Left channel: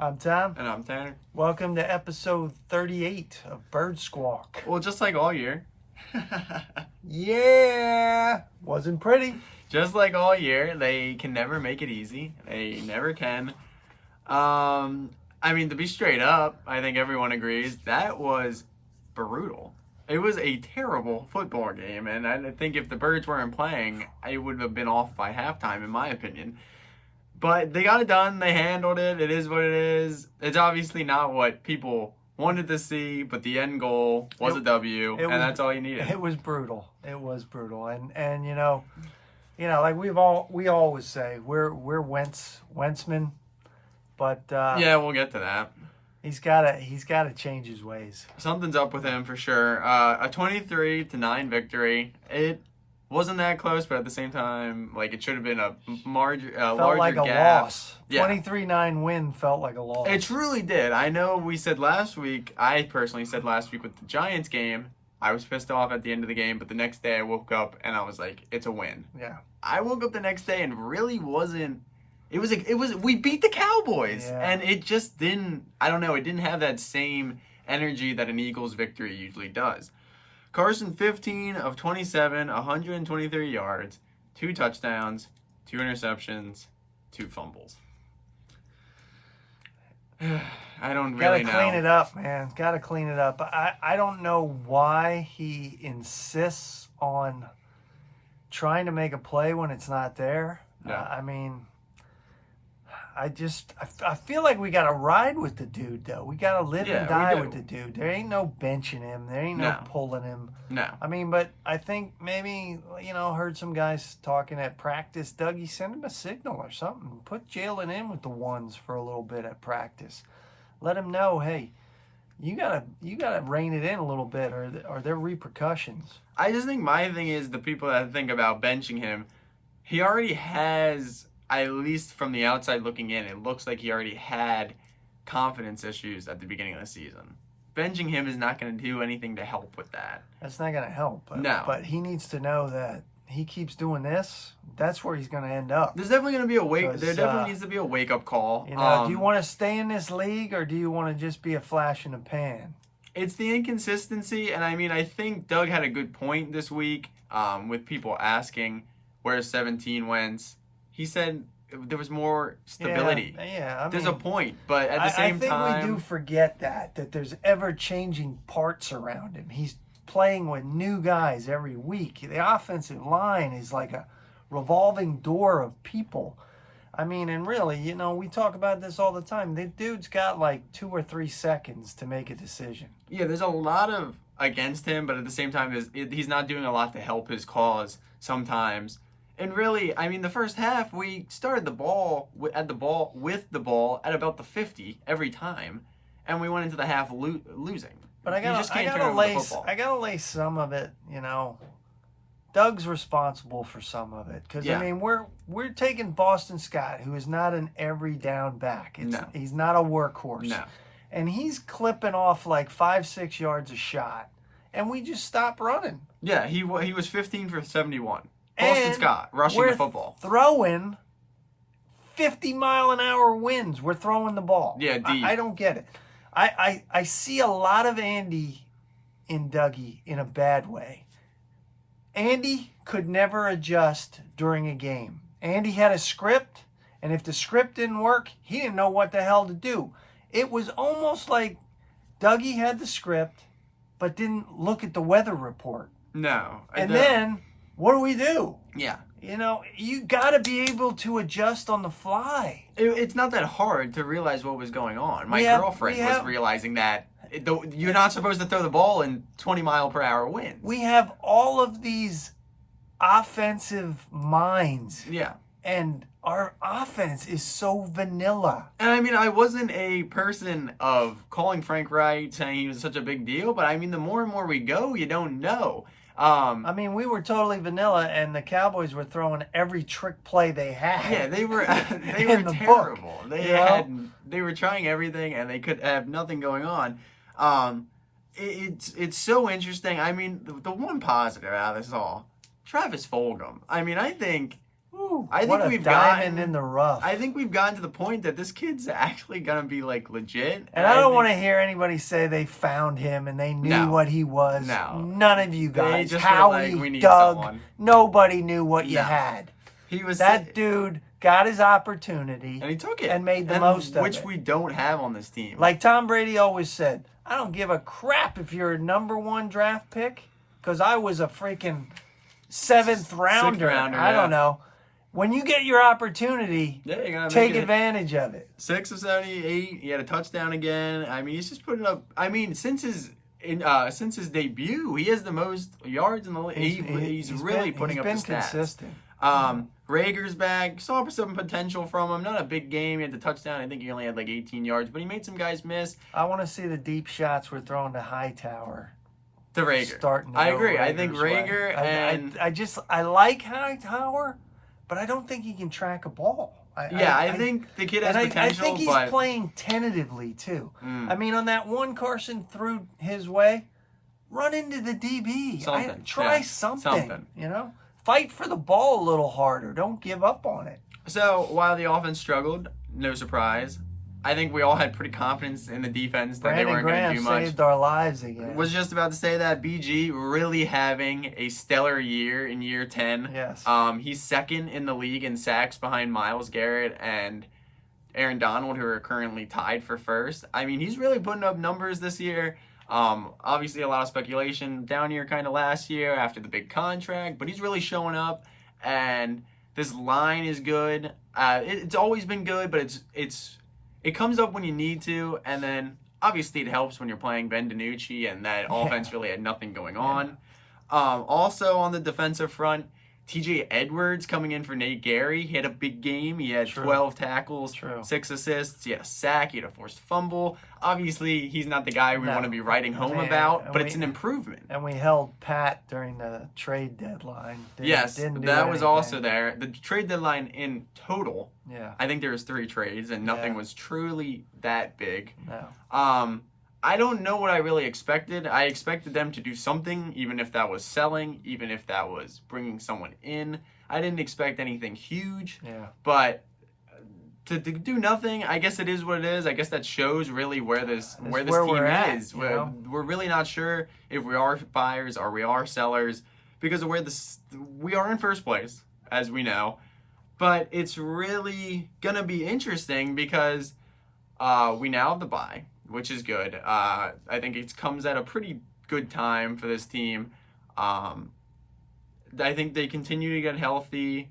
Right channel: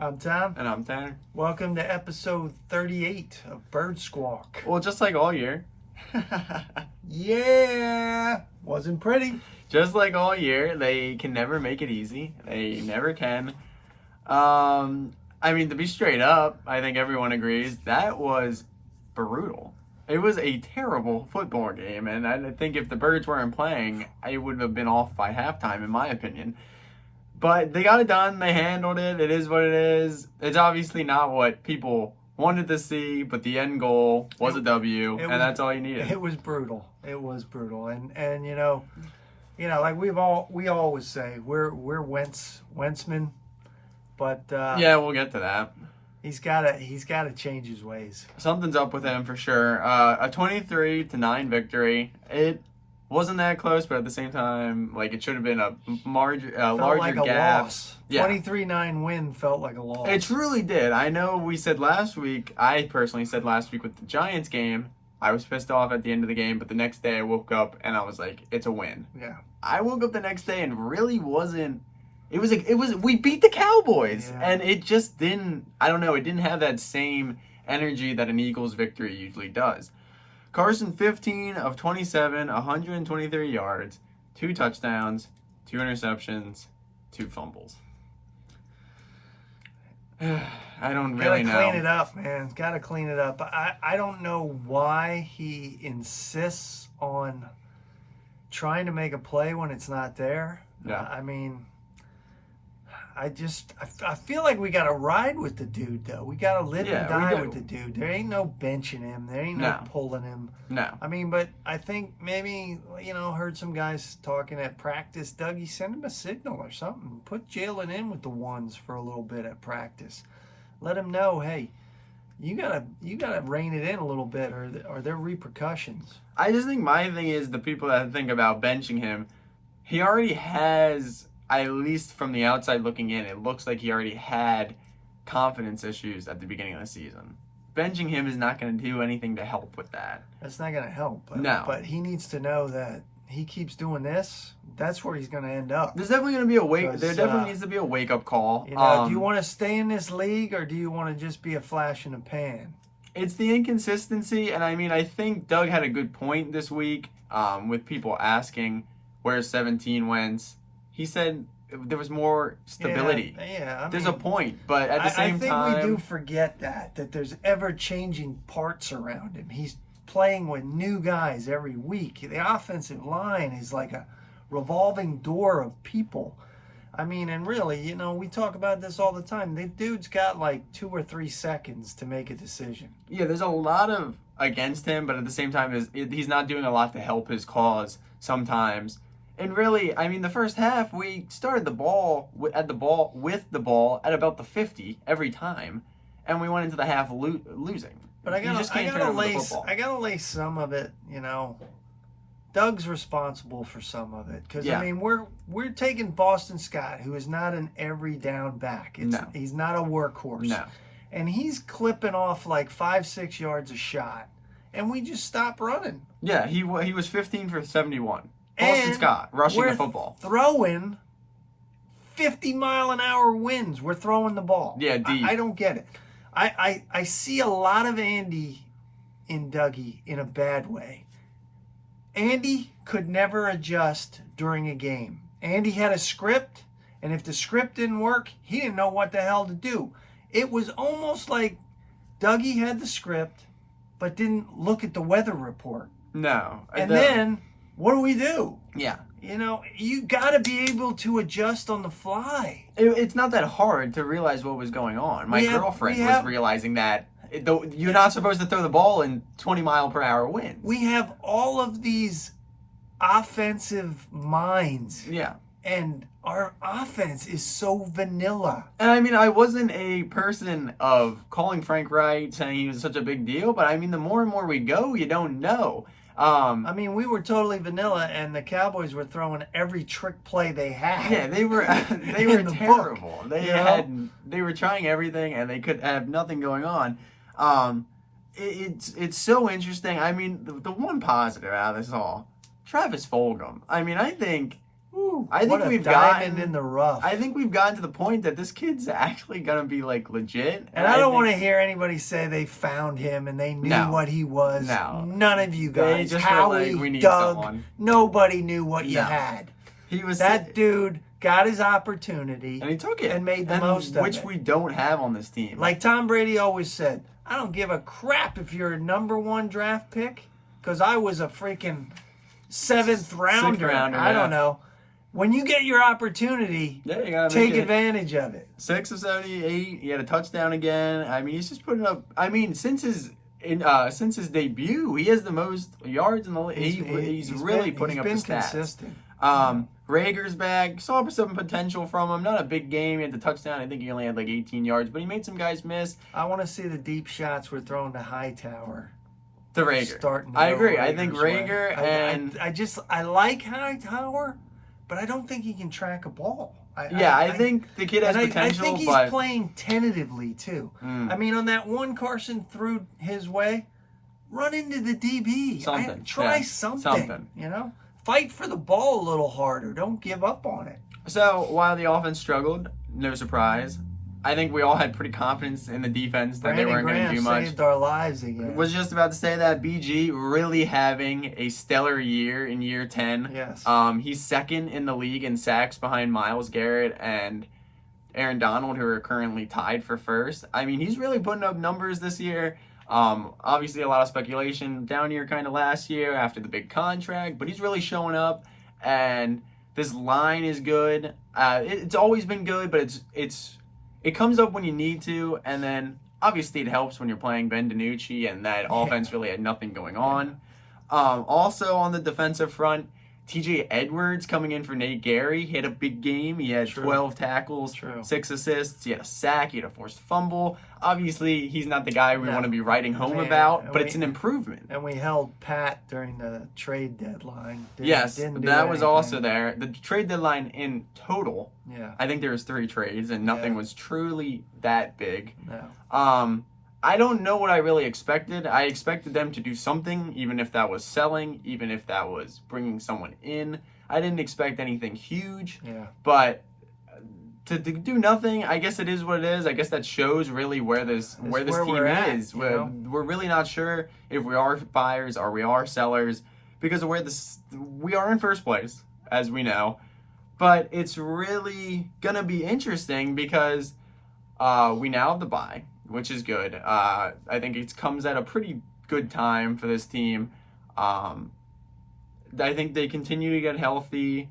I'm Tom. And I'm Tanner. Welcome to episode 38 of Bird Squawk. Well, just like all year. Yeah, wasn't pretty. Just like all year, they can never make it easy. They never can. To be straight up, I think everyone agrees that was brutal. It was a terrible football game, and I think if the Birds weren't playing, I would have been off by halftime, in my opinion. But they got it done. They handled it. It is what it is. It's obviously not what people wanted to see, but the end goal was a W, and that's all you needed. It was brutal. It was brutal, and you know, like we always say, we're Wentzman, but yeah, we'll get to that. He's got to change his ways. Something's up with him for sure. A 23-9 victory. It wasn't that close, but at the same time, like, it should have been a larger like a gap. Loss. Yeah. 23-9 win felt like a loss. It truly did. I know we said last week, I personally said last week with the Giants game, I was pissed off at the end of the game, but the next day I woke up and I was like, it's a win. Yeah. I woke up the next day and really wasn't. We beat the Cowboys, yeah. And it just didn't. I don't know. It didn't have that same energy that an Eagles victory usually does. Carson, 15 of 27, 123 yards, 2 touchdowns, 2 interceptions, 2 fumbles. I don't really know. Gotta clean it up, man. Gotta clean it up. I don't know why he insists on trying to make a play when it's not there. Yeah. I feel like we got to ride with the dude, though. We got to live and die with the dude. There ain't no benching him. There ain't no pulling him. No. But I think maybe, heard some guys talking at practice. Dougie, send him a signal or something. Put Jalen in with the ones for a little bit at practice. Let him know, hey, you gotta rein it in a little bit, or are there repercussions? I just think my thing is the people that think about benching him, he already has. At least from the outside looking in, it looks like he already had confidence issues at the beginning of the season. Benching him is not going to do anything to help with that. That's not going to help. No. But he needs to know that he keeps doing this, that's where he's going to end up. There's definitely going to be there definitely needs to be a wake-up call. Do you want to stay in this league, or do you want to just be a flash in the pan? It's the inconsistency, and I think Doug had a good point this week with people asking where 17 went. He said there was more stability. There's a point, but at the same time... I think we do forget that there's ever-changing parts around him. He's playing with new guys every week. The offensive line is like a revolving door of people. And really, we talk about this all the time. The dude's got like 2 or 3 seconds to make a decision. Yeah, there's a lot of against him, but at the same time, he's not doing a lot to help his cause sometimes. And really, the first half, we started with the ball at about the 50 every time, and we went into the half losing. But you just can't turn over the football. I gotta lay some of it, Doug's responsible for some of it, because we're taking Boston Scott, who is not an every down back. He's not a workhorse. No. And he's clipping off like 5-6 yards a shot, and we just stop running. Yeah, he was 15 for 71. Boston Scott rushing the football. Throwing 50-mile-an-hour winds. We're throwing the ball. Yeah, deep. I don't get it. I see a lot of Andy in Dougie in a bad way. Andy could never adjust during a game. Andy had a script, and if the script didn't work, he didn't know what the hell to do. It was almost like Dougie had the script, but didn't look at the weather report. No. And then... what do we do? Yeah. You got to be able to adjust on the fly. It's not that hard to realize what was going on. My girlfriend was realizing that you're not supposed to throw the ball in 20-mile-per-hour winds. We have all of these offensive minds. Yeah. And our offense is so vanilla. And I wasn't a person of calling Frank Wright, saying he was such a big deal, but the more and more we go, you don't know. We were totally vanilla, and the Cowboys were throwing every trick play they had. Yeah, they were terrible. They were trying everything, and they could have nothing going on. It's so interesting. The one positive out of this all, Travis Fulgham. I think Woo, I think what a we've diamond gotten in the rough. I think we've gotten to the point that this kid's actually gonna be like legit. And I don't want to hear anybody say they found him and they knew what he was. No. None of you They guys. just were Howie, like, we need Doug, someone. nobody knew what you No. had. He was That dude got his opportunity and he took it and made the most of it. which we don't have on this team. Like Tom Brady always said, I don't give a crap if you're a #1 draft pick, because I was a freaking 7th rounder. 6th rounder, I yeah. don't know. When you get your opportunity, Yeah, you gotta take make it. advantage of it. 6 of 78. He had a touchdown again. I mean, he's just putting up. I mean, since his debut, he has the most yards in the league. He's really putting up the stats. Consistent. Rager's back. Saw some potential from him. Not a big game. He had the touchdown. I think he only had like 18 yards, but he made some guys miss. I want to see the deep shots we're throwing to Hightower. To Rager. Starting to I go agree. I think Rager's way. Rager and I like Hightower, but I don't think he can track a ball. I think the kid has potential, I think he's but playing tentatively too. I mean, on that one Carson threw his way, run into the DB. Something. Try something. You know, fight for the ball a little harder. Don't give up on it. So while the offense struggled, no surprise, I think we all had pretty confidence in the defense that they weren't going to do much. Saved our lives again. Was just about to say that BG really having a stellar year in year 10. Yes. He's second in the league in sacks behind Myles Garrett and Aaron Donald, who are currently tied for first. I mean, he's really putting up numbers this year. Obviously, a lot of speculation down here kind of last year after the big contract, but he's really showing up, and this line is good. It's always been good, but it comes up when you need to, and then obviously it helps when you're playing Ben DiNucci, and that offense really had nothing going on. Also on the defensive front, TJ Edwards coming in for Nate Gary. He had a big game. He had 12 tackles, 6 assists. He had a sack. He had a forced fumble. Obviously, he's not the guy we want to be writing home about, but it's an improvement. And we held Pat during the trade deadline. That was also there. The trade deadline in total, I think there was 3 trades, and nothing was truly that big. No. I don't know what I really expected. I expected them to do something, even if that was selling, even if that was bringing someone in. I didn't expect anything huge, but to do nothing, I guess it is what it is. I guess that shows really where this team is. We're really not sure if we are buyers or we are sellers because of where we are in first place, as we know. But it's really gonna be interesting because we now have the bye, which is good. I think it comes at a pretty good time for this team. I think they continue to get healthy,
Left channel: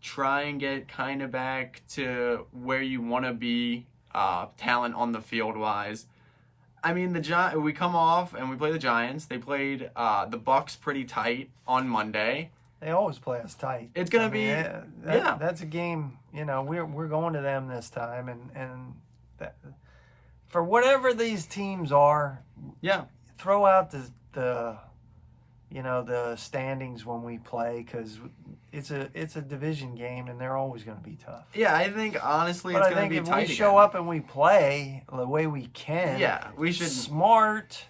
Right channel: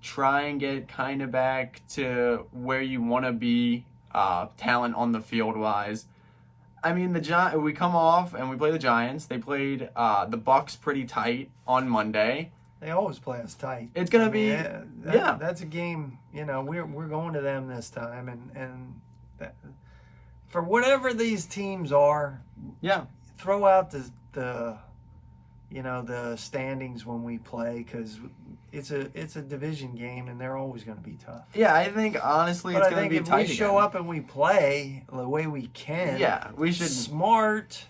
try and get kind of back to where you want to be, talent on the field wise. I mean, we come off and we play the Giants. They played the Bucks pretty tight on Monday. They always play us tight. It's gonna be that's a game. You know, we're going to them this time, and that, for whatever these teams are, throw out the standings when we play, because it's a division game and they're always going to be tough. Yeah, I think honestly it's going to be tight again. If we show up and we play the way we can, we should smart.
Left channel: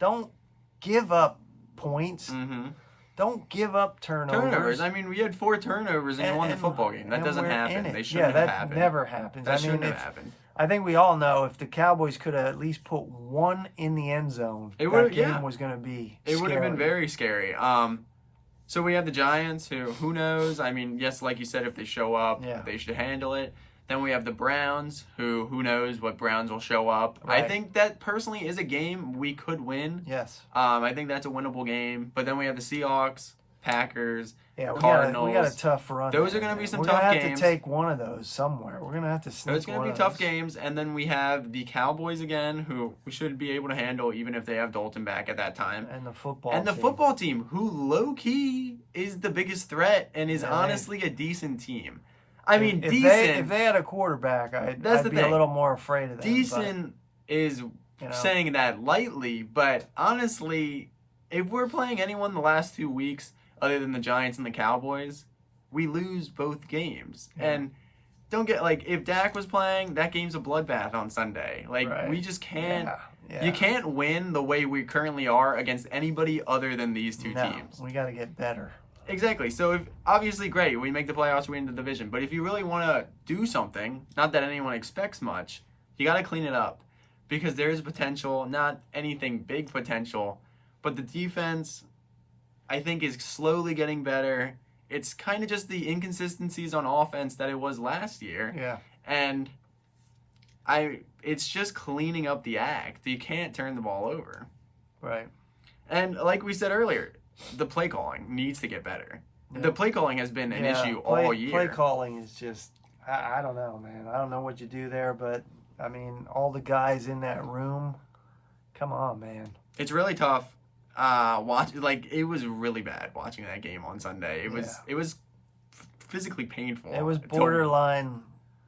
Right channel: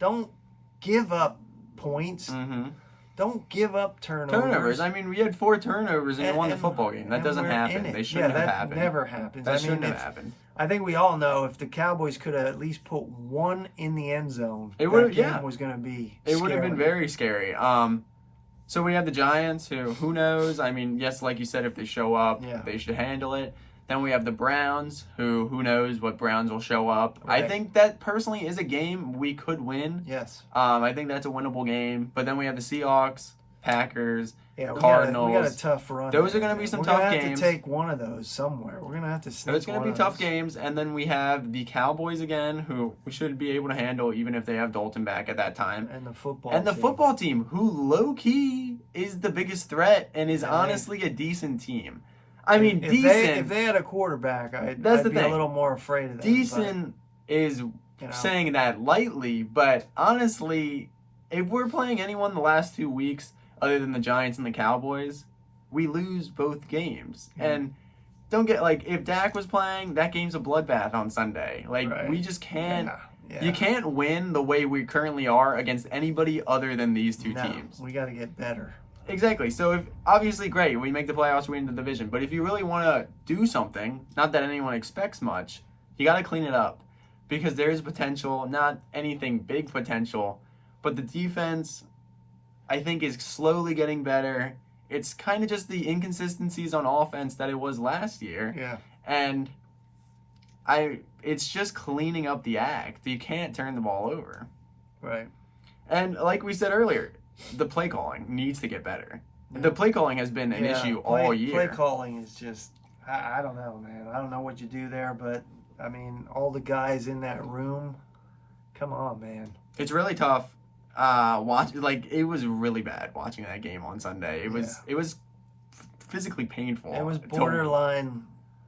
Don't give up points. Mm-hmm. Don't give up turnovers. I mean, we had 4 turnovers and you won the football game. That doesn't happen. They shouldn't have happened. That never happens. That shouldn't have happened. I think we all know if the Cowboys could have at least put 1 in the end zone, it would was going to be. It would have been very scary. So we have the Giants, who knows? I mean, yes, like you said, if they show up, they should handle it. Then we have the Browns, who knows what Browns will show up. Right. I think that personally is a game we could win. Yes. I think that's a winnable game. But then we have the Seahawks, Packers, Cardinals. We got a tough run. Those are going to be some tough games. We're going to have to take one of those somewhere. We're going to have to sneak. It's going to be tough games. And then we have the Cowboys again, who we should be able to handle even if they have Dalton back at that time. And the football team, who low-key is the biggest threat and is honestly a decent team. I mean, decent. If they had a quarterback, I'd be a little more afraid of them. Decent is saying that lightly, but honestly, if we're playing anyone the last 2 weeks other than the Giants and the Cowboys, we lose both games. And don't get, if Dak was playing, that game's a bloodbath on Sunday. We just can't. You can't win the way we currently are against anybody other than these two teams. We got to get better. Exactly. So if obviously great, we make the playoffs, we win the division. But if you really want to do something, not that anyone expects much, you got to clean it up because there is potential, not anything big potential, but the defense I think is slowly getting better. It's kind of just the inconsistencies on offense that it was last year. Yeah. And it's just cleaning up the act. You can't turn the ball over. Right. And like we said earlier, the play calling needs to get better. Yeah. The play calling has been an issue all year. Play calling is just, I don't know, man. I don't know what you do there, but, I mean, all the guys in that room, come on, man. It's really tough. It was really bad watching that game on Sunday. It was physically painful. It was borderline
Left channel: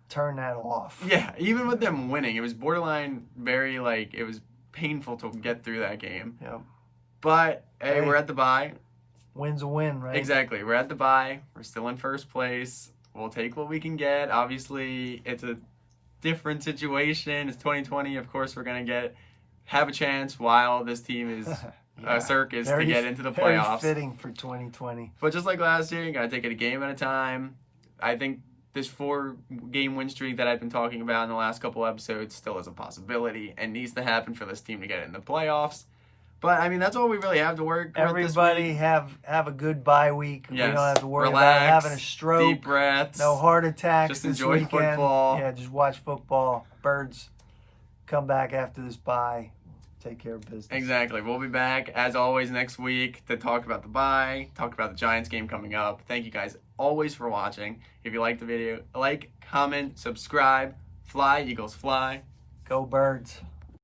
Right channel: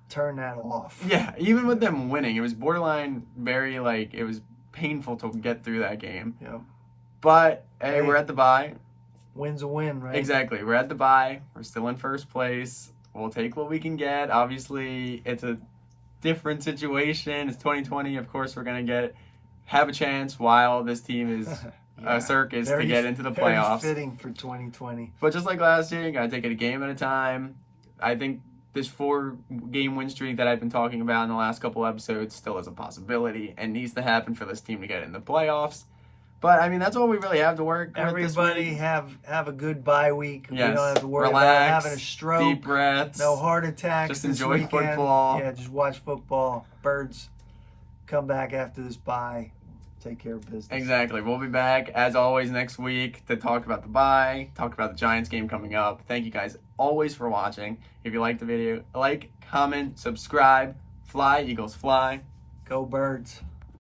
turn that off. Yeah, even with them winning, it was borderline very it was painful to get through that game. Yeah. But hey, we're at the bye. Win's a win, right? Exactly. We're at the bye. We're still in first place. We'll take what we can get. Obviously, it's a different situation. It's 2020. Of course, we're gonna have a chance while this team is a circus to get into the playoffs. Very fitting for 2020. But just like last year, you gotta take it a game at a time. I think this 4-game win streak that I've been talking about in the last couple episodes still is a possibility and needs to happen for this team to get in the playoffs. But I mean, that's all we really have to work with this week. Everybody have a good bye week. Yes. We don't have to worry Relax, about having a stroke. Deep breaths. No heart attacks. Just enjoy football. Yeah, just watch football. Birds come back after this bye. Take care of business. Exactly. We'll be back as always next week to talk about the bye, talk about the Giants game coming up. Thank you guys always for watching. If you liked the video, like, comment, subscribe. Fly, Eagles, fly. Go Birds.